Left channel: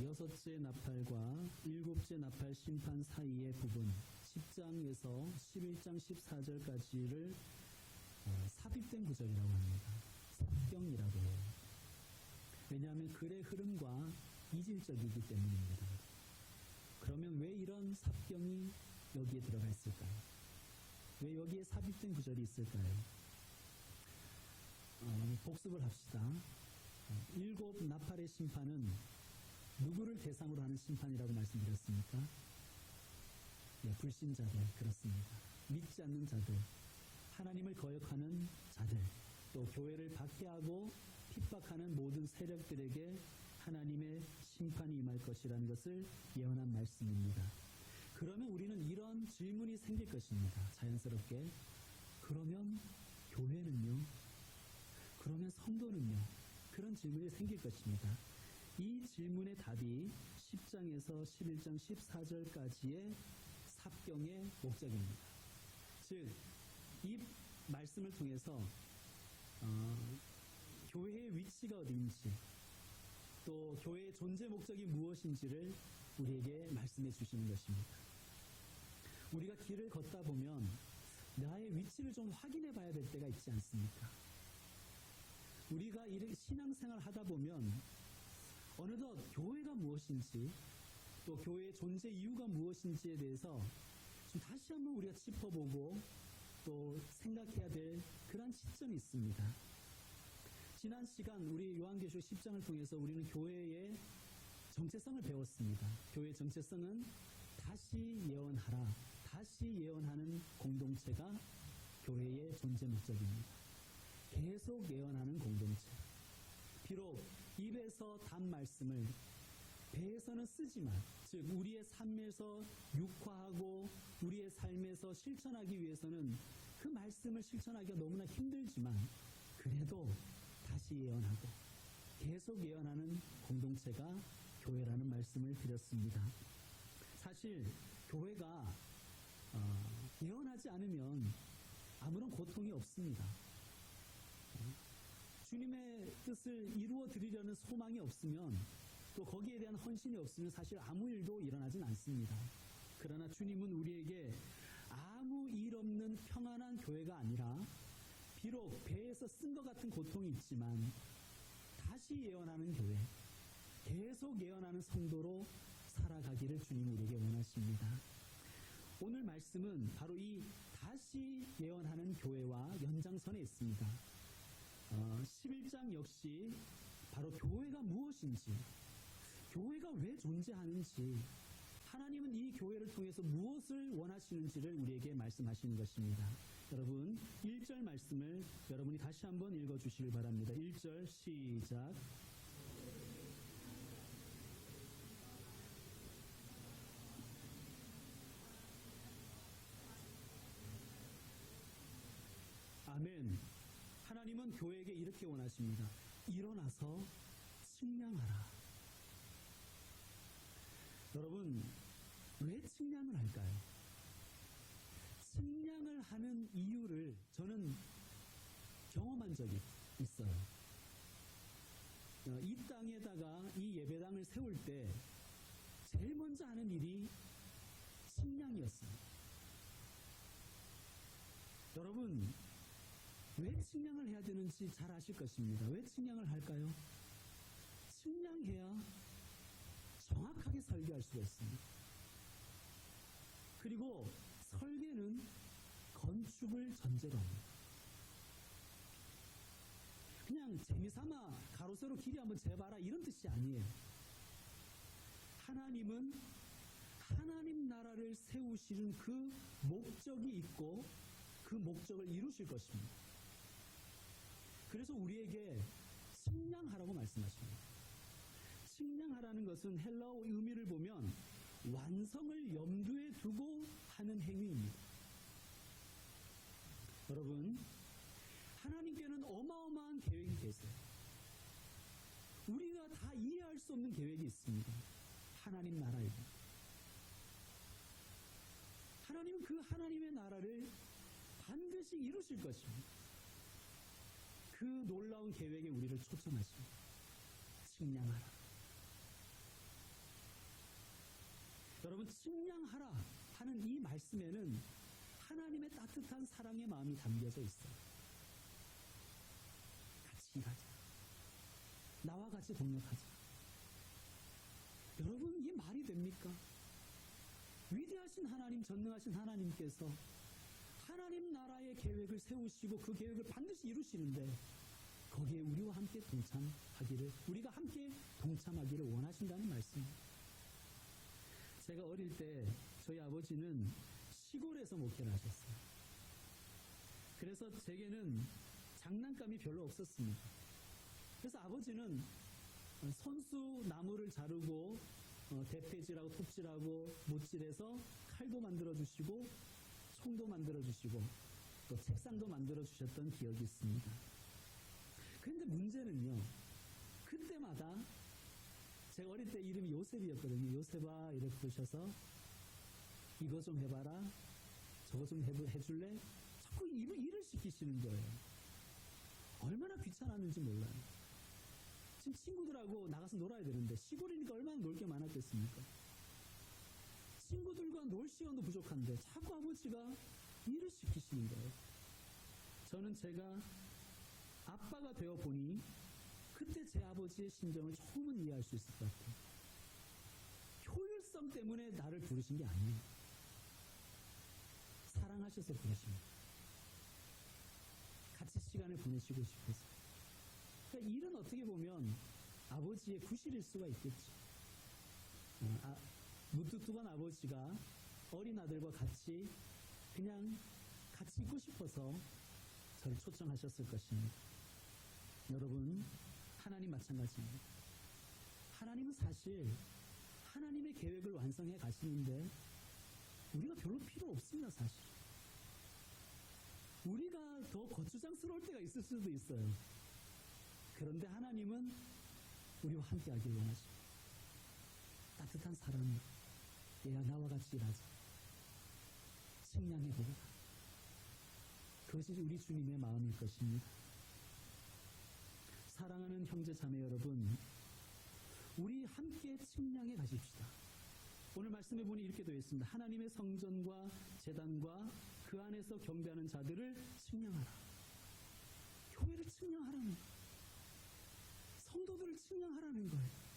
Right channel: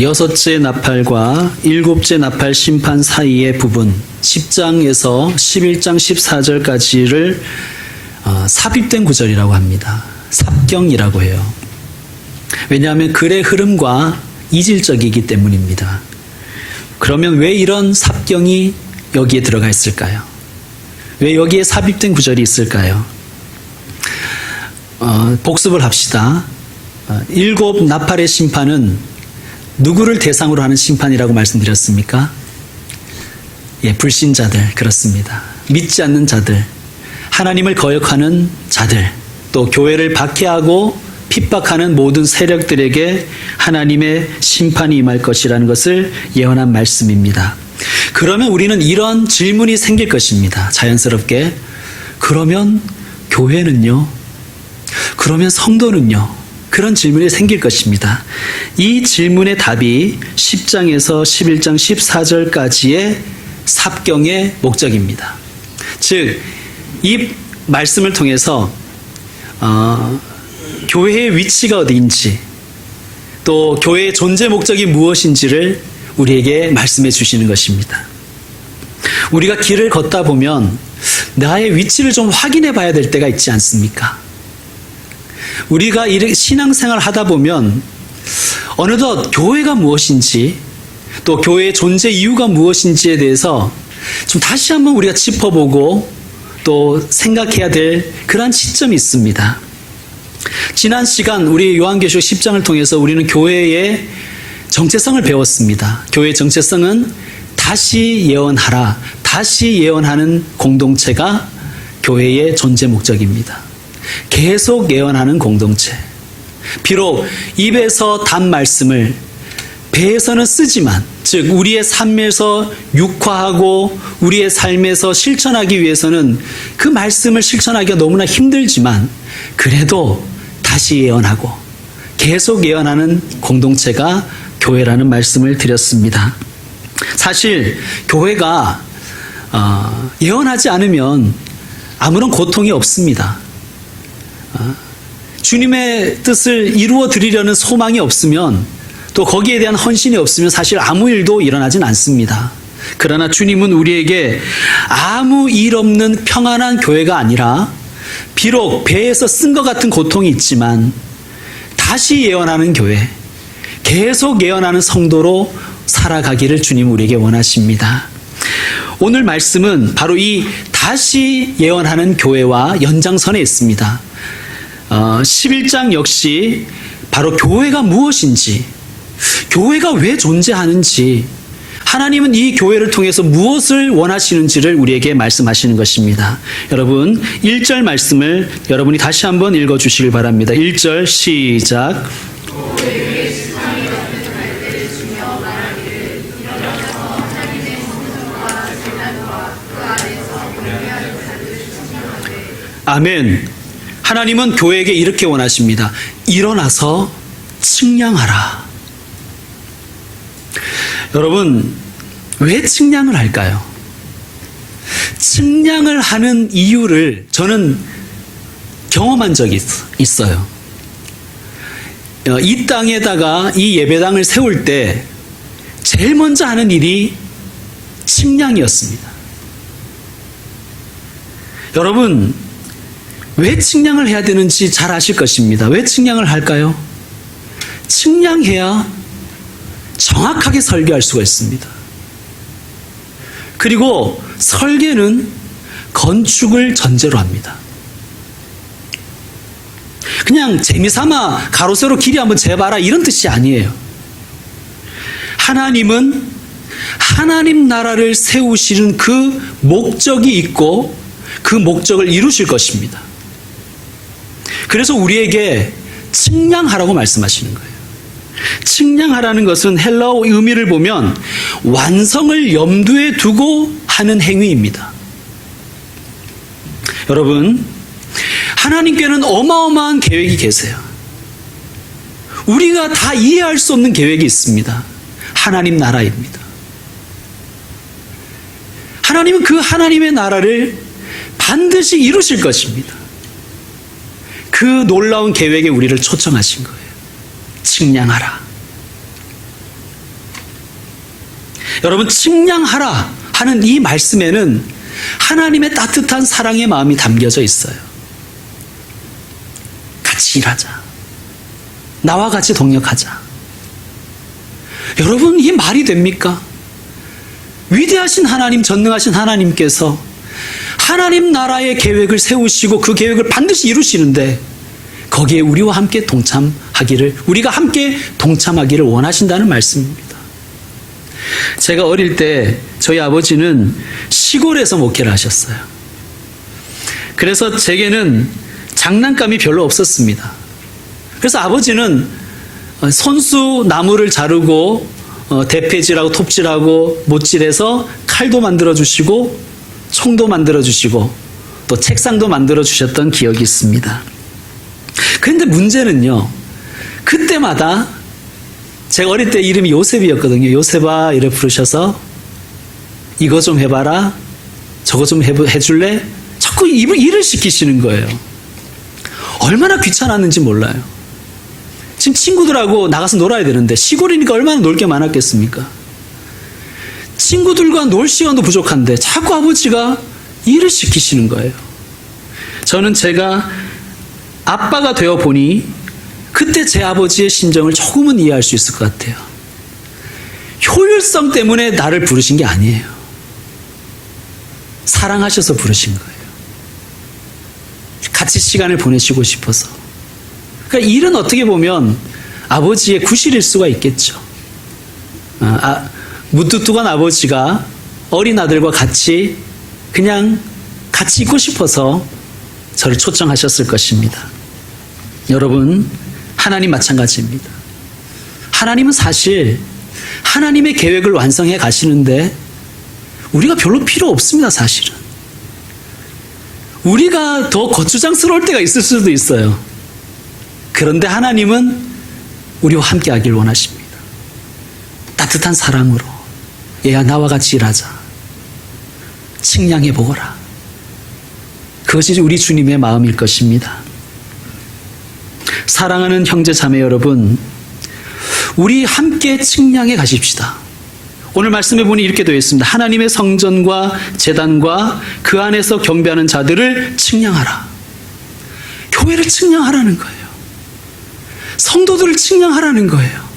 여섯째 나팔과 일곱째 나팔 심판 사이의 부분 10장에서 11장 14절까지를 삽입된 구절이라고 합니다. 삽경이라고 해요. 왜냐하면 글의 흐름과 이질적이기 때문입니다. 그러면 왜 이런 삽경이 여기에 들어가 있을까요? 왜 여기에 삽입된 구절이 있을까요? 복습을 합시다. 일곱 나팔의 심판은 누구를 대상으로 하는 심판이라고 말씀드렸습니까? 불신자들, 그렇습니다. 믿지 않는 자들, 하나님을 거역하는 자들, 또 교회를 박해하고 핍박하는 모든 세력들에게 하나님의 심판이 임할 것이라는 것을 예언한 말씀입니다. 그러면 우리는 이런 질문이 생길 것입니다. 자연스럽게. 그러면 교회는요? 그러면 성도는요? 그런 질문이 생길 것입니다. 이 질문의 답이 10장에서 11장 14절까지의 삽경의 목적입니다. 즉, 이 말씀을 통해서 교회의 위치가 어디인지, 또 교회의 존재 목적이 무엇인지를 우리에게 말씀해 주시는 것입니다. 우리가 길을 걷다 보면 나의 위치를 좀 확인해 봐야 될 때가 있지 않습니까? 우리가 신앙생활 하다 보면 어느덧 교회가 무엇인지, 또 교회의 존재 이유가 무엇인지에 대해서 좀 다시 한번 우리가 짚어보고 또 생각해야 될 그러한 시점이 있습니다. 지난 시간 우리 요한계시록 10장을 통해서 우리는 교회의 정체성을 배웠습니다. 교회의 정체성은 다시 예언하라, 다시 예언하는 공동체가 교회의 존재 목적입니다. 계속 예언하는 공동체. 비록 입에서 단 말씀을 배에서는 쓰지만, 즉 우리의 삶에서 육화하고 우리의 삶에서 실천하기 위해서는 그 말씀을 실천하기가 너무나 힘들지만, 그래도 다시 예언하고 계속 예언하는 공동체가 교회라는 말씀을 드렸습니다. 사실 교회가 예언하지 않으면 아무런 고통이 없습니다. 주님의 뜻을 이루어 드리려는 소망이 없으면, 또 거기에 대한 헌신이 없으면 사실 아무 일도 일어나진 않습니다. 그러나 주님은 우리에게 아무 일 없는 평안한 교회가 아니라, 비록 배에서 쓴 것 같은 고통이 있지만 다시 예언하는 교회, 계속 예언하는 성도로 살아가기를 주님 우리에게 원하십니다. 오늘 말씀은 바로 이 다시 예언하는 교회와 연장선에 있습니다. 11장 역시 바로 교회가 무엇인지, 교회가 왜 존재하는지, 하나님은 이 교회를 통해서 무엇을 원하시는지를 우리에게 말씀하시는 것입니다. 여러분, 1절 말씀을 여러분이 다시 한번 읽어주시길 바랍니다. 1절 시작. 아멘. 하나님은 교회에게 이렇게 원하십니다. 일어나서 측량하라. 여러분, 왜 측량을 할까요? 측량을 하는 이유를 저는 경험한 적이 있어요. 이 땅에다가 이 예배당을 세울 때 제일 먼저 하는 일이 측량이었습니다. 여러분, 왜 측량을 해야 되는지 잘 아실 것입니다. 왜 측량을 할까요? 측량해야 정확하게 설계할 수가 있습니다. 그리고 설계는 건축을 전제로 합니다. 그냥 재미삼아 가로 세로 길이 한번 재봐라 이런 뜻이 아니에요. 하나님은 하나님 나라를 세우시는 그 목적이 있고 그 목적을 이루실 것입니다. 그래서 우리에게 측량하라고 말씀하시는 거예요. 측량하라는 것은 헬라어 의미를 보면 완성을 염두에 두고 하는 행위입니다. 여러분, 하나님께는 어마어마한 계획이 계세요. 우리가 다 이해할 수 없는 계획이 있습니다. 하나님 나라입니다. 하나님은 그 하나님의 나라를 반드시 이루실 것입니다. 그 놀라운 계획에 우리를 초청하신 거예요. 측량하라. 여러분, 측량하라 하는 이 말씀에는 하나님의 따뜻한 사랑의 마음이 담겨져 있어요. 같이 일하자. 나와 같이 동력하자. 여러분, 이 말이 됩니까? 위대하신 하나님, 전능하신 하나님께서 하나님 나라의 계획을 세우시고 그 계획을 반드시 이루시는데 거기에 우리와 함께 우리가 함께 동참하기를 원하신다는 말씀입니다. 제가 어릴 때 저희 아버지는 시골에서 목회를 하셨어요. 그래서 제게는 장난감이 별로 없었습니다. 그래서 아버지는 손수 나무를 자르고 대패질하고 톱질하고 못질해서 칼도 만들어주시고 총도 만들어주시고 또 책상도 만들어주셨던 기억이 있습니다. 그런데 문제는요, 그때마다 제가 어릴 때 이름이 요셉이었거든요. 요셉아 이래 부르셔서 이거 좀 해봐라, 저거 좀 해줄래? 자꾸 일을 시키시는 거예요. 얼마나 귀찮았는지 몰라요. 지금 친구들하고 나가서 놀아야 되는데 시골이니까 얼마나 놀 게 많았겠습니까? 친구들과 놀 시간도 부족한데 자꾸 아버지가 일을 시키시는 거예요. 저는 제가 아빠가 되어 보니 그때 제 아버지의 심정을 조금은 이해할 수 있을 것 같아요. 효율성 때문에 나를 부르신 게 아니에요. 사랑하셔서 부르신 거예요. 같이 시간을 보내시고 싶어서. 그러니까 일은 어떻게 보면 아버지의 구실일 수가 있겠죠. 무뚝뚝한 아버지가 어린 아들과 같이 그냥 같이 있고 싶어서 저를 초청하셨을 것입니다. 여러분, 하나님 마찬가지입니다. 하나님은 사실 하나님의 계획을 완성해 가시는데 우리가 별로 필요 없습니다, 사실은. 우리가 더 거추장스러울 때가 있을 수도 있어요. 그런데 하나님은 우리와 함께 하길 원하십니다. 따뜻한 사랑으로 얘야 나와 같이 일하자. 측량해 보거라. 그것이 우리 주님의 마음일 것입니다. 사랑하는 형제 자매 여러분, 우리 함께 측량해 가십시다. 오늘 말씀해 보니 이렇게 되어 있습니다. 하나님의 성전과 제단과 그 안에서 경배하는 자들을 측량하라. 교회를 측량하라는 거예요. 성도들을 측량하라는 거예요.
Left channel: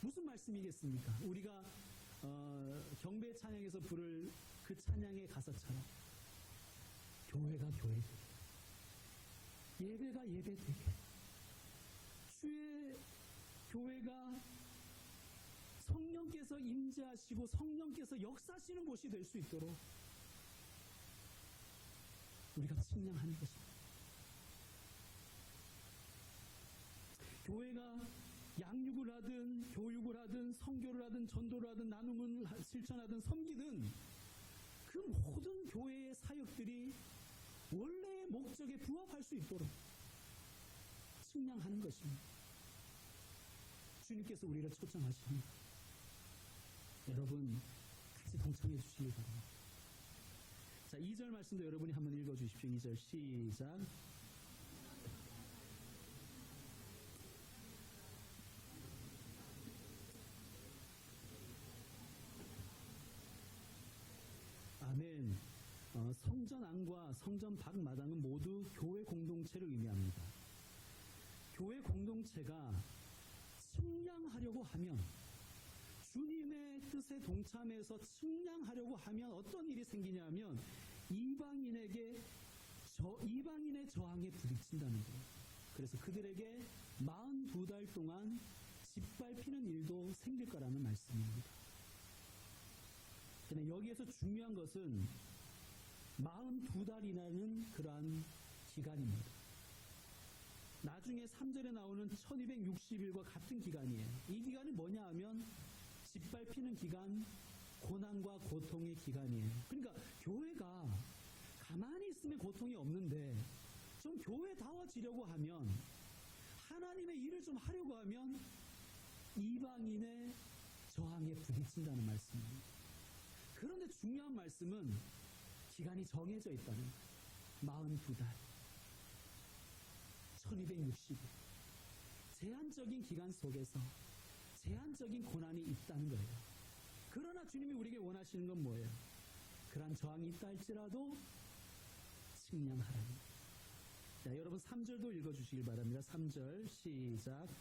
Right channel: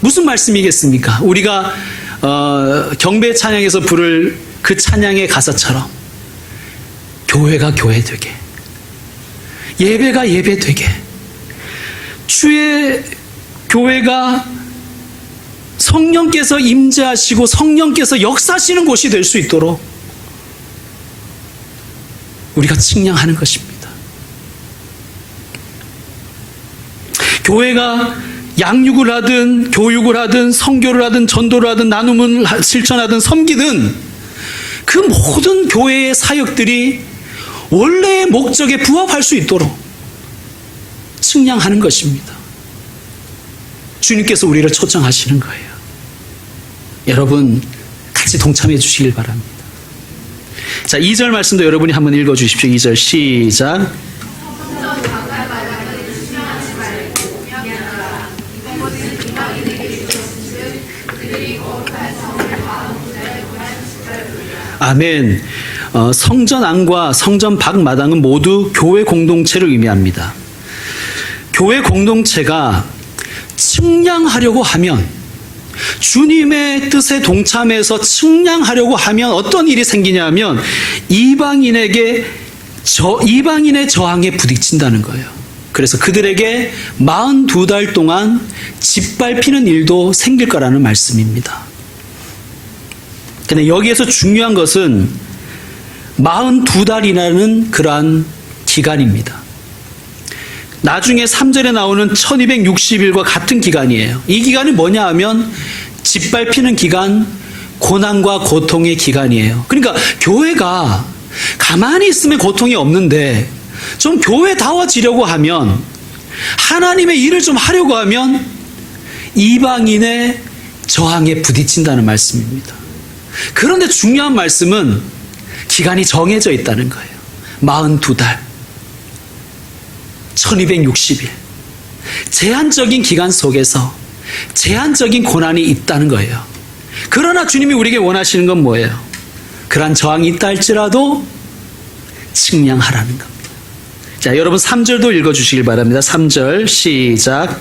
무슨 말씀이겠습니까? 우리가 경배 찬양에서 부를 그 찬양의 가사처럼 교회가 교회 되게, 예배가 예배 되게, 주의 교회가 성령께서 임재하시고 성령께서 역사하시는 곳이 될 수 있도록 우리가 측량하는 것입니다. 교회가 양육을 하든 교육을 하든 선교를 하든 전도를 하든 나눔을 실천하든 섬기든 그 모든 교회의 사역들이 원래의 목적에 부합할 수 있도록 측량하는 것입니다. 주님께서 우리를 초청하시는 거예요. 여러분, 같이 동참해 주시길 바랍니다. 자, 2절 말씀도 여러분이 한번 읽어 주십시오. 2절 시작. 아멘. 성전 안과 성전 밖 마당은 모두 교회 공동체를 의미합니다. 교회 공동체가 측량하려고 하면, 주님의 뜻에 동참해서 측량하려고 하면 어떤 일이 생기냐 하면 이방인의 저항에 부딪힌다는 거예요. 그래서 그들에게 42달 동안 짓밟히는 일도 생길 거라는 말씀입니다. 근데 여기에서 중요한 것은 42달이라는 그러한 기간입니다. 나중에 3절에 나오는 1260일과 같은 기간이에요. 이 기간이 뭐냐 하면 짓밟히는 기간, 고난과 고통의 기간이에요. 그러니까 교회가 가만히 있으면 고통이 없는데 좀 교회다워지려고 하면, 하나님의 일을 좀 하려고 하면 이방인의 저항에 부딪힌다는 말씀입니다. 그런데 중요한 말씀은 기간이 정해져 있다는 거예요. 42달, 1260일. 제한적인 기간 속에서 제한적인 고난이 있다는 거예요. 그러나 주님이 우리에게 원하시는 건 뭐예요? 그러한 저항이 있다 할지라도 측량하라는 겁니다. 자, 여러분 3절도 읽어주시길 바랍니다. 3절 시작.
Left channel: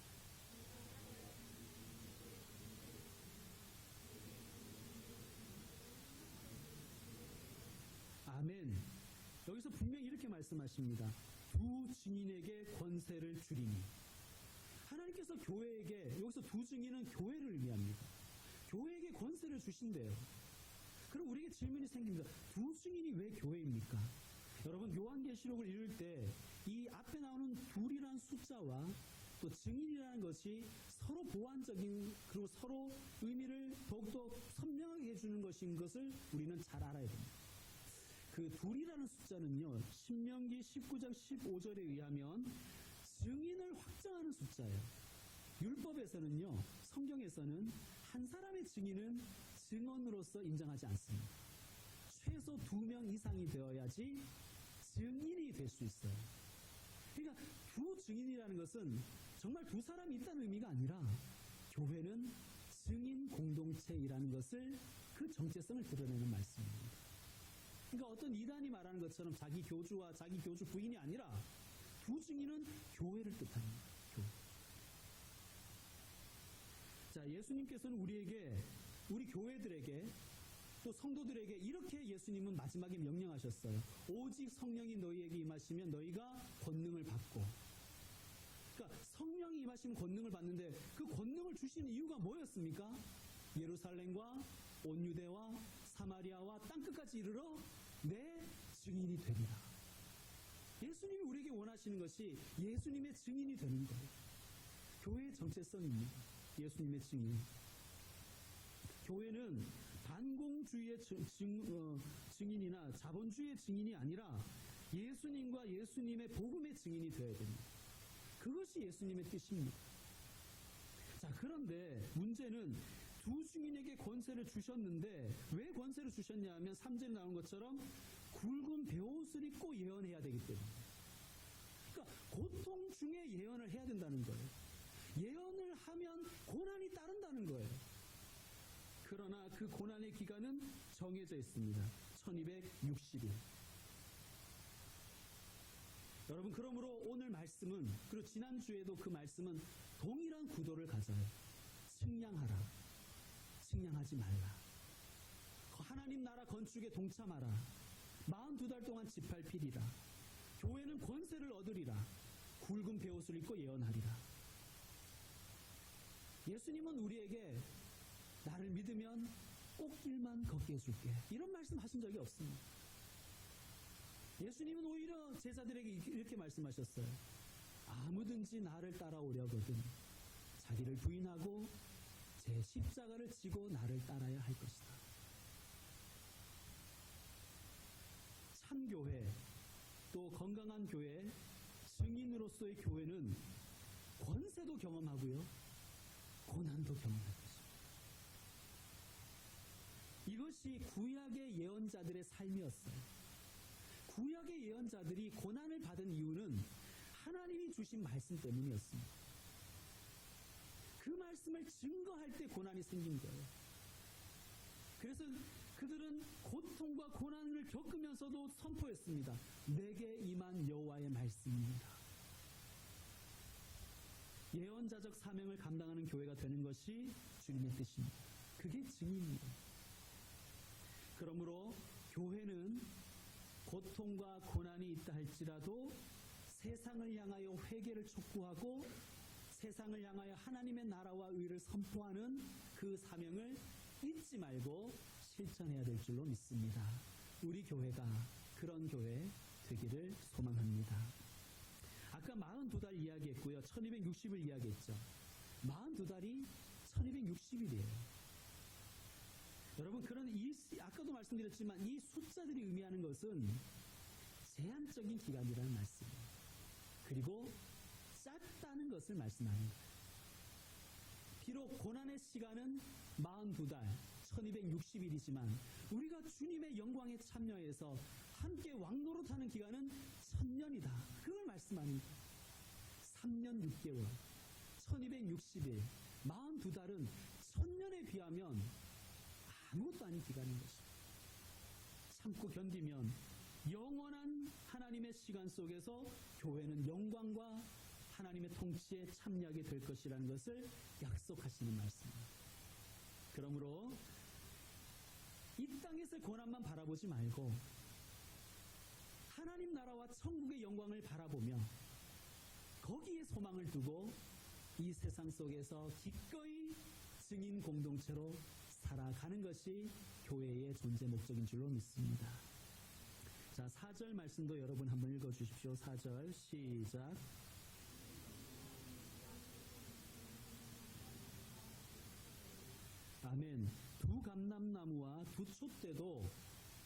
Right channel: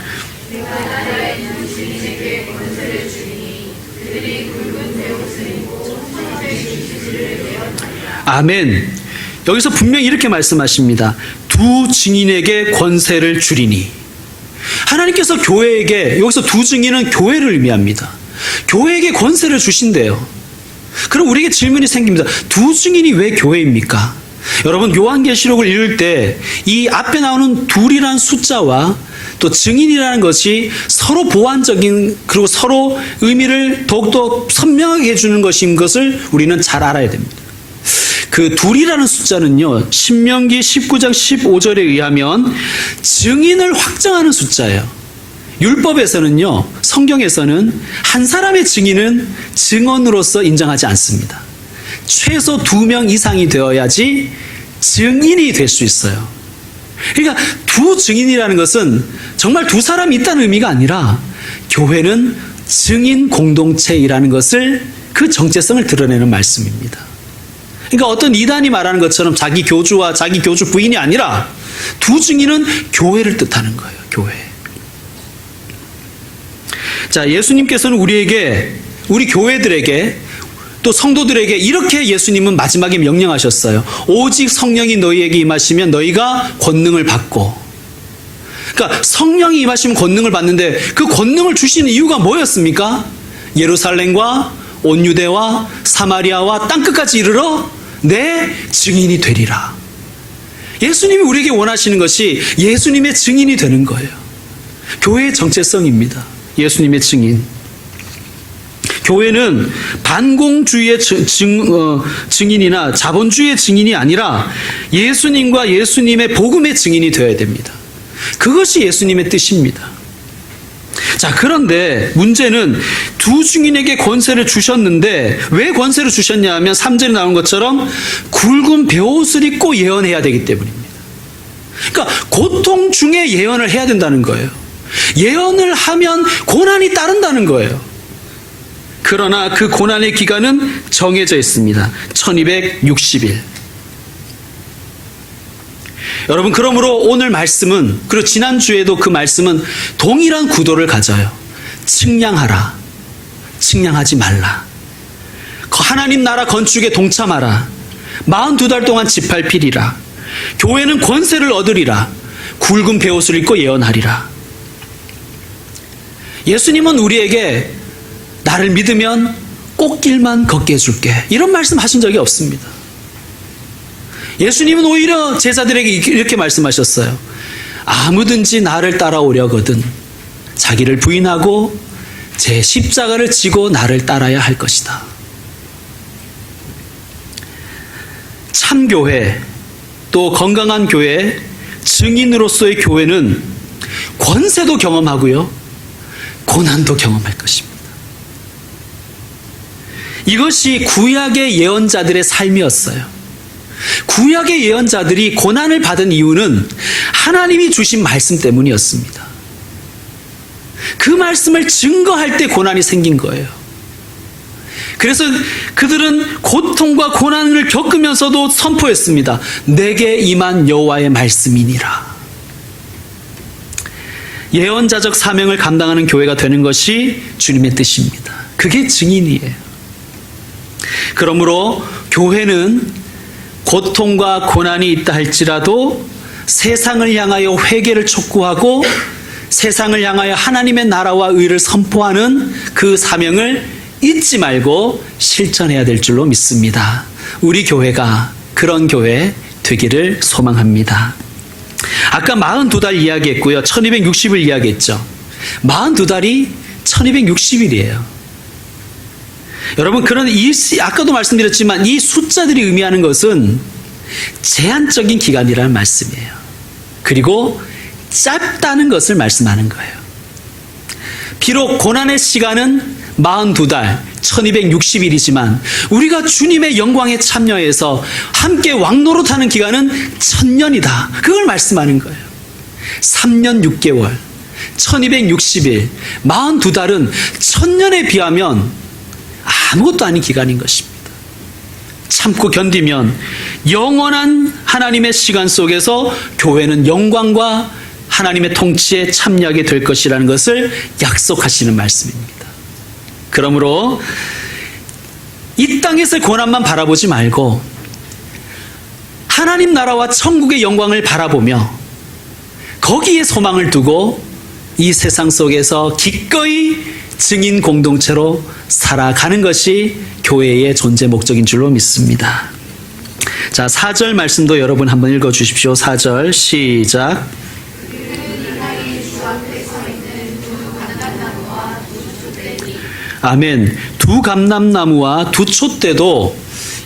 아멘. 여기서 분명히 이렇게 말씀하십니다. 두 증인에게 권세를 주리니. 하나님께서 교회에게, 여기서 두 증인은 교회를 의미합니다. 교회에게 권세를 주신대요. 그럼 우리에게 질문이 생깁니다. 두 증인이 왜 교회입니까? 여러분, 요한계시록을 읽을 때 이 앞에 나오는 둘이라는 숫자와 또 증인이라는 것이 서로 보완적인, 그리고 서로 의미를 더욱더 선명하게 해주는 것인 것을 우리는 잘 알아야 됩니다. 그 둘이라는 숫자는요, 신명기 19장 15절에 의하면 증인을 확정하는 숫자예요. 율법에서는요, 성경에서는 한 사람의 증인은 증언으로서 인정하지 않습니다. 최소 2명 이상이 되어야지 증인이 될 수 있어요. 그러니까 두 증인이라는 것은 정말 두 사람이 있다는 의미가 아니라 교회는 증인 공동체이라는 것을, 그 정체성을 드러내는 말씀입니다. 그러니까 어떤 이단이 말하는 것처럼 자기 교주와 자기 교주 부인이 아니라 두 증인은 교회를 뜻하는 거예요. 교회. 자, 예수님께서는 우리에게, 우리 교회들에게, 또 성도들에게 이렇게 예수님은 마지막에 명령하셨어요. 오직 성령이 너희에게 임하시면 너희가 권능을 받고. 그러니까 성령이 임하시면 권능을 받는데 그 권능을 주시는 이유가 뭐였습니까? 예루살렘과 온 유대와 사마리아와 땅끝까지 이르러 내 증인이 되리라. 예수님이 우리에게 원하시는 것이 예수님의 증인이 되는 거예요. 교회의 정체성입니다. 예수님의 증인. 교회는 반공주의의 증인이나 자본주의의 증인이 아니라 예수님과 예수님의 복음의 증인이 되어야 됩니다. 그것이 예수님의 뜻입니다. 자, 그런데 문제는 두 증인에게 권세를 주셨는데 왜 권세를 주셨냐 하면 3절에 나온 것처럼 굵은 베옷을 입고 예언해야 되기 때문입니다. 그러니까 고통 중에 예언을 해야 된다는 거예요. 예언을 하면 고난이 따른다는 거예요. 그러나 그 고난의 기간은 정해져 있습니다. 1260일. 여러분, 그러므로 오늘 말씀은, 그리고 지난주에도 그 말씀은 동일한 구도를 가져요. 측량하라. 측량하지 말라. 하나님 나라 건축에 동참하라. 42달 동안 집팔필이라. 교회는 권세를 얻으리라. 굵은 베옷을 입고 예언하리라. 예수님은 우리에게 나를 믿으면 꽃길만 걷게 해줄게, 이런 말씀 하신 적이 없습니다. 예수님은 오히려 제자들에게 이렇게 말씀하셨어요. 아무든지 나를 따라오려거든 자기를 부인하고 제 십자가를 지고 나를 따라야 할 것이다. 참교회, 또 건강한 교회, 증인으로서의 교회는 권세도 경험하고요, 고난도 경험할 것입니다. 이것이 구약의 예언자들의 삶이었어요. 구약의 예언자들이 고난을 받은 이유는 하나님이 주신 말씀 때문이었습니다. 그 말씀을 증거할 때 고난이 생긴 거예요. 그래서 그들은 고통과 고난을 겪으면서도 선포했습니다. 내게 임한 여호와의 말씀이니라. 예언자적 사명을 감당하는 교회가 되는 것이 주님의 뜻입니다. 그게 증인이에요. 그러므로 교회는 고통과 고난이 있다 할지라도 세상을 향하여 회개를 촉구하고 세상을 향하여 하나님의 나라와 의를 선포하는 그 사명을 잊지 말고 실천해야 될 줄로 믿습니다. 우리 교회가 그런 교회 되기를 소망합니다. 아까 42달 이야기했고요. 1260일 이야기했죠. 42달이 1260일이에요. 여러분, 그런 아까도 말씀드렸지만 이 숫자들이 의미하는 것은 제한적인 기간이라는 말씀이에요. 그리고 짧다는 것을 말씀하는 거예요. 비록 고난의 시간은 42달, 1260일이지만 우리가 주님의 영광에 참여해서 함께 왕노릇하는 기간은 1000년이다. 그걸 말씀하는 거예요. 3년 6개월, 1260일, 42달은 1000년에 비하면 아무것도 아닌 기간인 것입니다. 참고 견디면 영원한 하나님의 시간 속에서 교회는 영광과 하나님의 통치에 참여하게 될 것이라는 것을 약속하시는 말씀입니다. 그러므로 이 땅에서의 고난만 바라보지 말고 하나님 나라와 천국의 영광을 바라보며 거기에 소망을 두고 이 세상 속에서 기꺼이 증인 공동체로 살아가는 것이 교회의 존재 목적인 줄로 믿습니다. 자, 4절 말씀도 여러분 한번 읽어 주십시오. 4절 시작. 아멘. 두 감람나무와 두 촛대도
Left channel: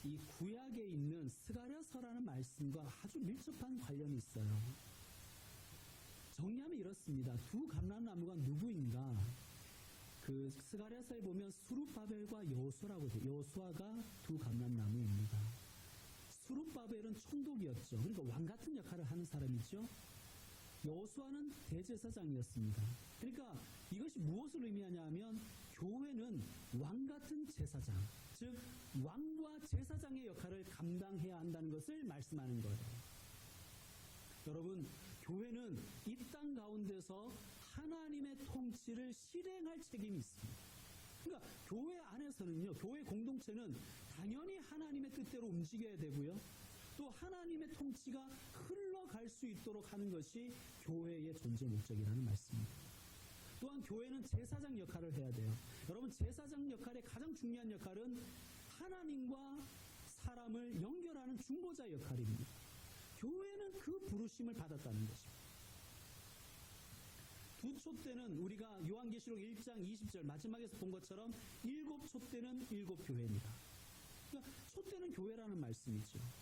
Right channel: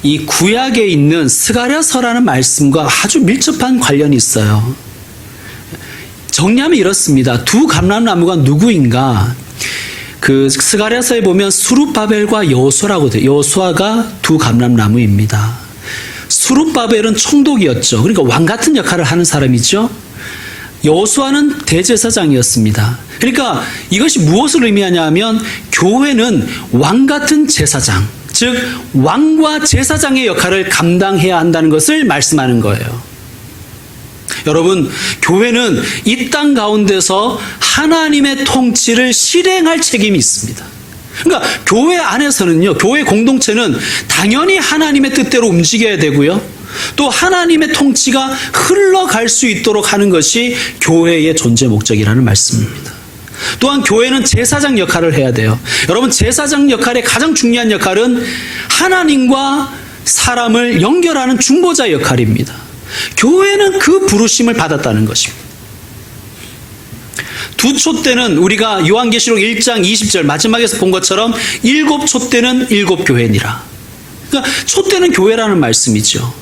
이 구약에 있는 스가랴서라는 말씀과 아주 밀접한 관련이 있어요. 정리하면 이렇습니다. 두 감람나무가 누구인가? 그 스가랴서에 보면 수룹바벨과 여호수아라고 돼요. 여호수아가 두 감람나무입니다. 수룹바벨은 총독이었죠. 그러니까 왕 같은 역할을 하는 사람이죠. 여호수아는 대제사장이었습니다. 그러니까 이것이 무엇을 의미하냐 하면 교회는 왕 같은 제사장, 즉 왕과 제사장의 역할을 감당해야 한다는 것을 말씀하는 거예요. 여러분, 교회는 이 땅 가운데서 하나님의 통치를 실행할 책임이 있습니다. 그러니까 교회 안에서는요, 교회 공동체는 당연히 하나님의 뜻대로 움직여야 되고요, 또 하나님의 통치가 흘러갈 수 있도록 하는 것이 교회의 존재 목적이라는 말씀입니다. 또한 교회는 제사장 역할을 해야 돼요. 여러분, 제사장 역할의 가장 중요한 역할은 하나님과 사람을 연결하는 중보자 역할입니다. 교회는 그 부르심을 받았다는 것입니다. 두 촛대는 우리가 요한계시록 1장 20절 마지막에서 본 것처럼 7 촛대는 7 교회니라. 그러니까 촛대는 교회라는 말씀이죠.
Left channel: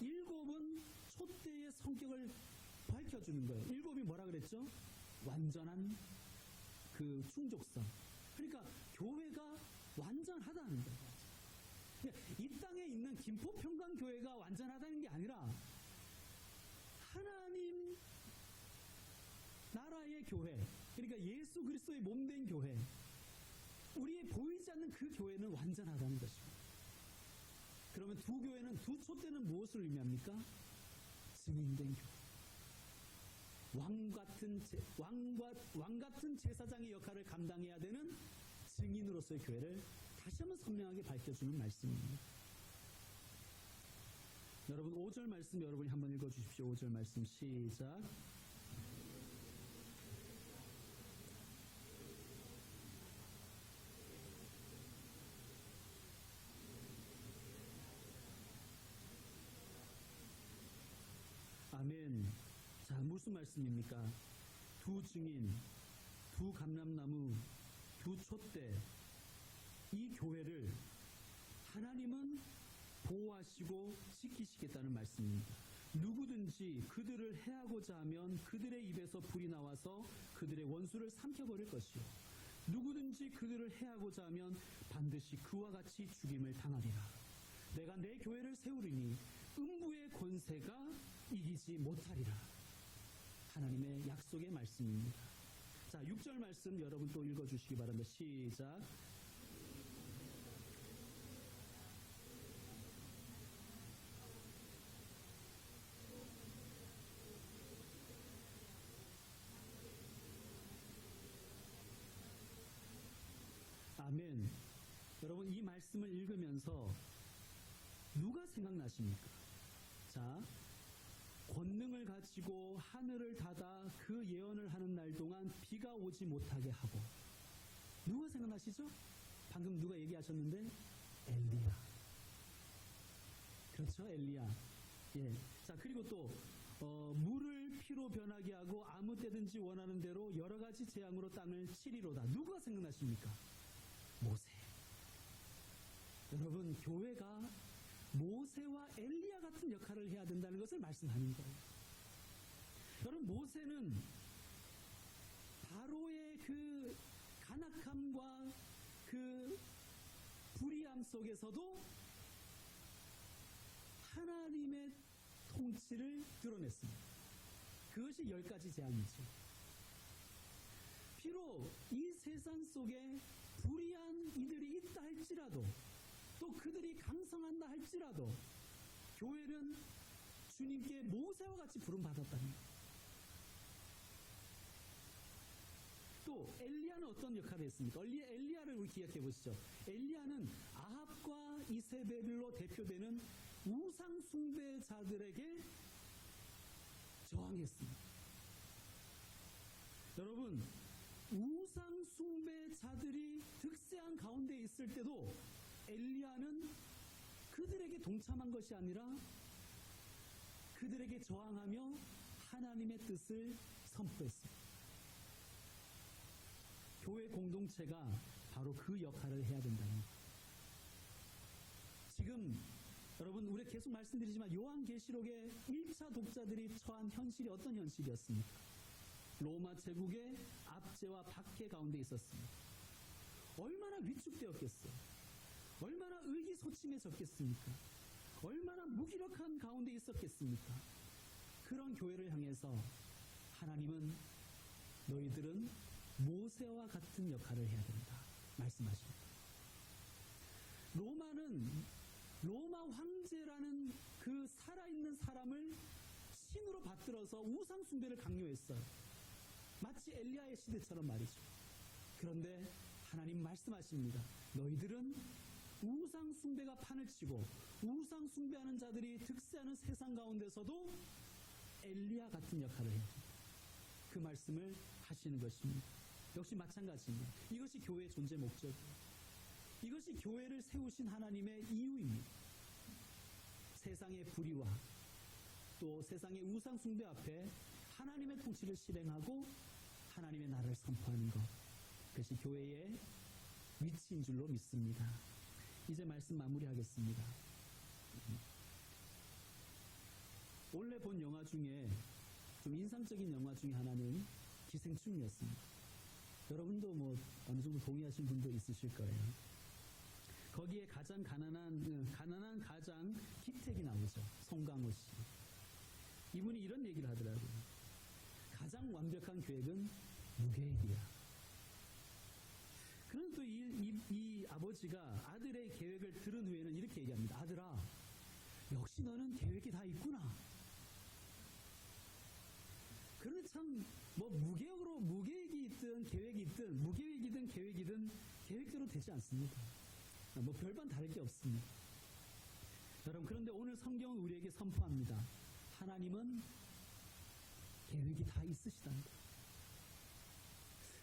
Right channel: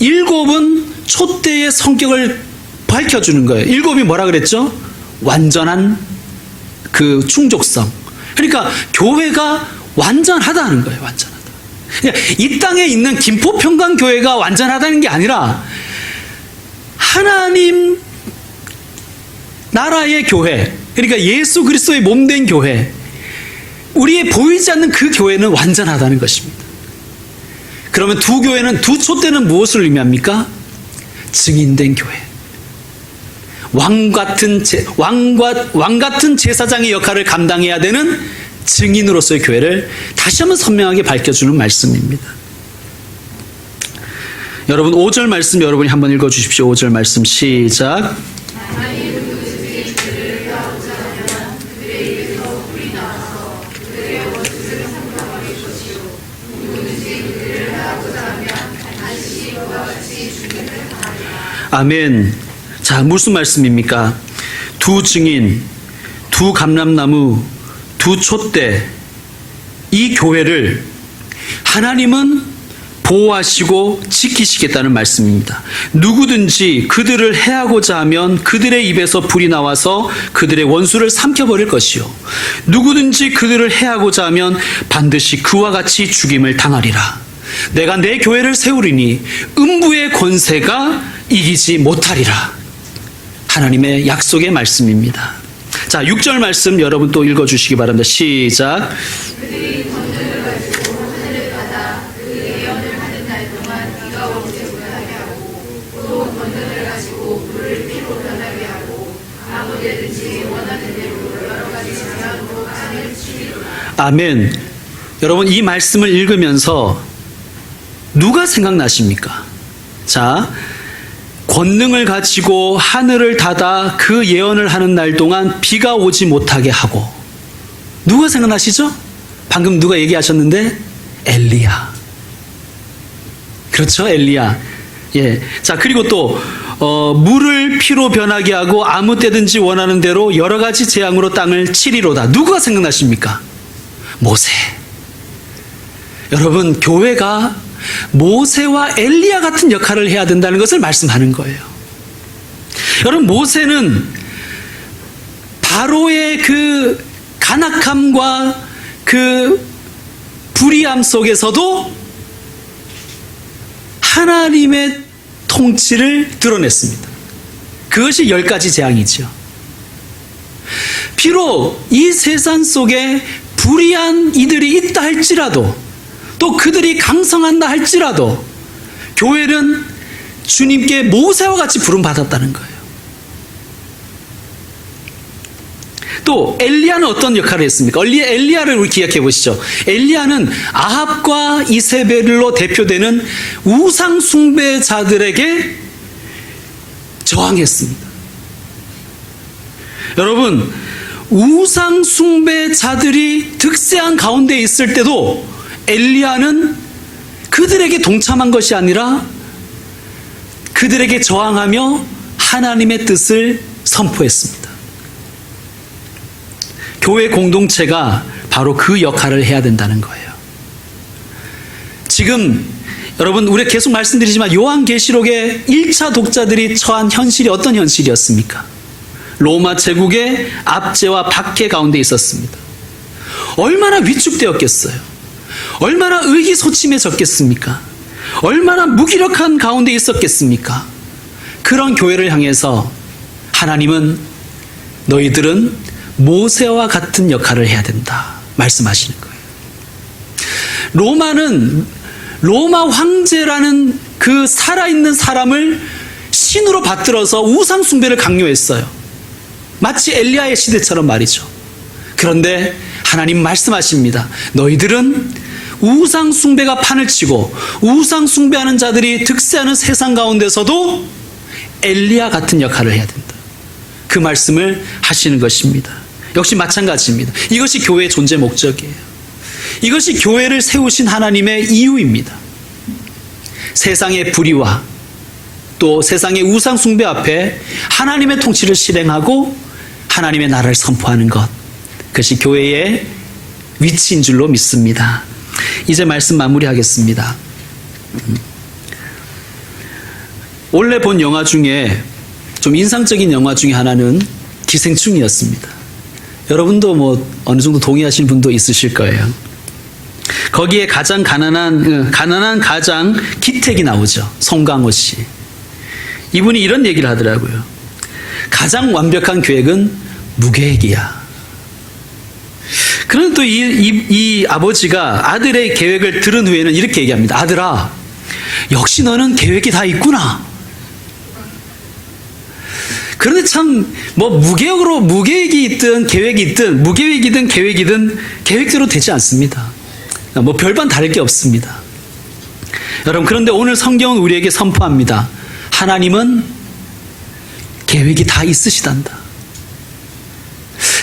7은 촛대의 성격을 밝혀주는 거예요. 7이 뭐라 그랬죠? 완전한 그 충족성. 그러니까 교회가 완전하다는 거예요. 완전하다. 그러니까 이 땅에 있는 김포평강교회가 완전하다는 게 아니라 하나님 나라의 교회, 그러니까 예수 그리스도의 몸된 교회, 우리의 보이지 않는 그 교회는 완전하다는 것입니다. 그러면 두 교회는, 두 촛대는 무엇을 의미합니까? 증인된 교회. 왕 같은 제사장의 역할을 감당해야 되는 증인으로서의 교회를 다시 한번 선명하게 밝혀주는 말씀입니다. 여러분, 5절 말씀 여러분이 한번 읽어주십시오. 5절 말씀 시작. 아멘. 자, 무슨 말씀입니까? 두 증인, 두 감람나무, 두 촛대, 이 교회를 하나님은 보호하시고 지키시겠다는 말씀입니다. 누구든지 그들을 해하고자 하면 그들의 입에서 불이 나와서 그들의 원수를 삼켜버릴 것이요, 누구든지 그들을 해하고자 하면 반드시 그와 같이 죽임을 당하리라. 내가 내 교회를 세우리니 음부의 권세가 이기지 못하리라. 하나님의 약속의 말씀입니다. 자, 6절 말씀 여러분 또 읽어주시기 바랍니다. 시작. 아멘. 여러분, 이 말씀을 읽으면서 누가 생각나십니까? 자, 권능을 가지고 하늘을 닫아 그 예언을 하는 날 동안 비가 오지 못하게 하고, 누가 생각나시죠? 방금 누가 얘기하셨는데 엘리야. 그렇죠, 엘리야. 예. 자, 그리고 또 물을 피로 변하게 하고 아무 때든지 원하는 대로 여러 가지 재앙으로 땅을 치리로다. 누가 생각나십니까? 모세. 여러분, 교회가 모세와 엘리야 같은 역할을 해야 된다는 것을 말씀하는 거예요. 여러분, 모세는 바로의 그 간악함과 그 불의함 속에서도 하나님의 통치를 드러냈습니다. 그것이 10가지 재앙이죠. 비록 이 세상 속에 불의한 이들이 있다 할지라도, 또 그들이 강성한다 할지라도 교회는 주님께 모세와 같이 부름받았다는 거예요. 또 엘리야는 어떤 역할을 했습니까? 엘리야를 우리 기억해 보시죠. 엘리야는 아합과 이세벨로 대표되는 우상 숭배자들에게 저항했습니다. 여러분, 우상 숭배자들이 득세한 가운데 있을 때도 엘리야는 그들에게 동참한 것이 아니라 그들에게 저항하며 하나님의 뜻을 선포했습니다. 교회 공동체가 바로 그 역할을 해야 된다는 거예요. 지금 여러분, 우리 계속 말씀드리지만 요한계시록의 1차 독자들이 처한 현실이 어떤 현실이었습니까? 로마 제국의 압제와 박해 가운데 있었습니다. 얼마나 위축되었겠어요? 얼마나 의기소침해졌겠습니까? 얼마나 무기력한 가운데 있었겠습니까? 그런 교회를 향해서 하나님은 너희들은 모세와 같은 역할을 해야 된다 말씀하시는 거예요. 로마 황제라는 그 살아있는 사람을 신으로 받들어서 우상 숭배를 강요했어요. 마치 엘리야의 시대처럼 말이죠. 그런데 하나님 말씀하십니다. 너희들은 우상 숭배가 판을 치고 우상 숭배하는 자들이 득세하는 세상 가운데서도 엘리야 같은 역할을 해야 된다. 그 말씀을 하시는 것입니다. 역시 마찬가지입니다. 이것이 교회의 존재 목적이에요. 이것이 교회를 세우신 하나님의 이유입니다. 세상의 불의와 또 세상의 우상 숭배 앞에 하나님의 통치를 실행하고 하나님의 나라를 선포하는 것, 그것이 교회의 위치인 줄로 믿습니다. 이제 말씀 마무리하겠습니다. 원래 본 영화 중에 좀 인상적인 영화 중에 하나는 기생충이었습니다. 여러분도 뭐 어느 정도 동의하시는 분도 있으실 거예요. 거기에 가장 가난한 가장 기택이 나오죠. 송강호 씨. 이분이 이런 얘기를 하더라고요. 가장 완벽한 계획은 무계획이야. 그런데 또 이 아버지가 아들의 계획을 들은 후에는 이렇게 얘기합니다. 아들아, 역시 너는 계획이 다 있구나. 그런데 참 무계획이 있든 계획이 있든 무계획이든 계획이든 계획대로 되지 않습니다. 별반 다를 게 없습니다. 여러분, 그런데 오늘 성경은 우리에게 선포합니다. 하나님은 계획이 다 있으시단다.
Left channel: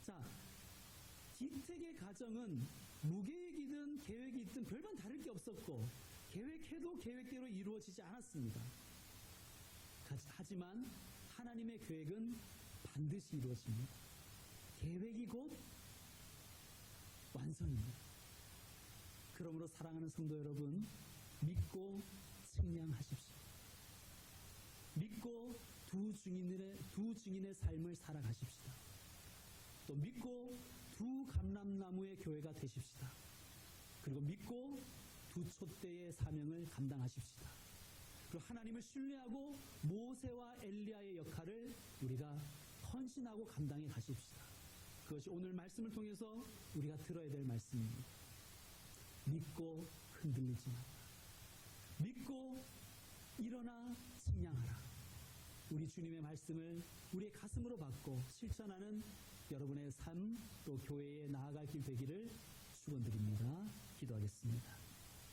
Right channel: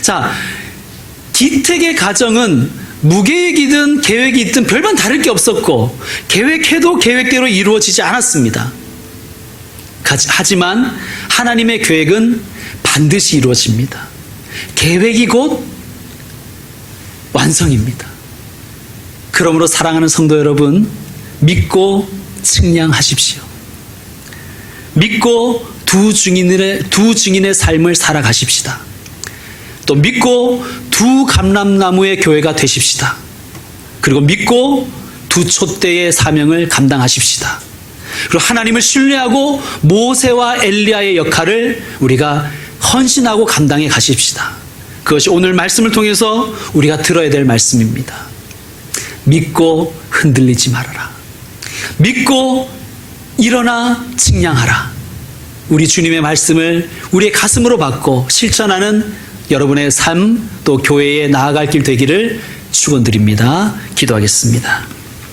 자, 기택의 가정은 무계획이든 계획이 있든 별반 다를 게 없었고 계획해도 계획대로 이루어지지 않았습니다. 하지만 하나님의 계획은 반드시 이루어집니다. 계획이 곧 완성입니다. 그러므로 사랑하는 성도 여러분, 믿고 측량하십시오. 믿고 두 증인의 삶을 살아가십시다. 또 믿고 두 감람나무의 교회가 되십시다. 그리고 믿고 두 촛대의 사명을 감당하십시다. 그리고 하나님을 신뢰하고 모세와 엘리야의 역할을 우리가 헌신하고 감당해 가십시다. 그것이 오늘 말씀을 통해서 우리가 들어야 될 말씀입니다. 믿고 흔들리지 말아라. 믿고 일어나 측량하라. 우리 주님의 말씀을 우리의 가슴으로 받고 실천하는 여러분의 삶, 또 교회에 나아갈 길 되기를 축원드립니다. 기도하겠습니다.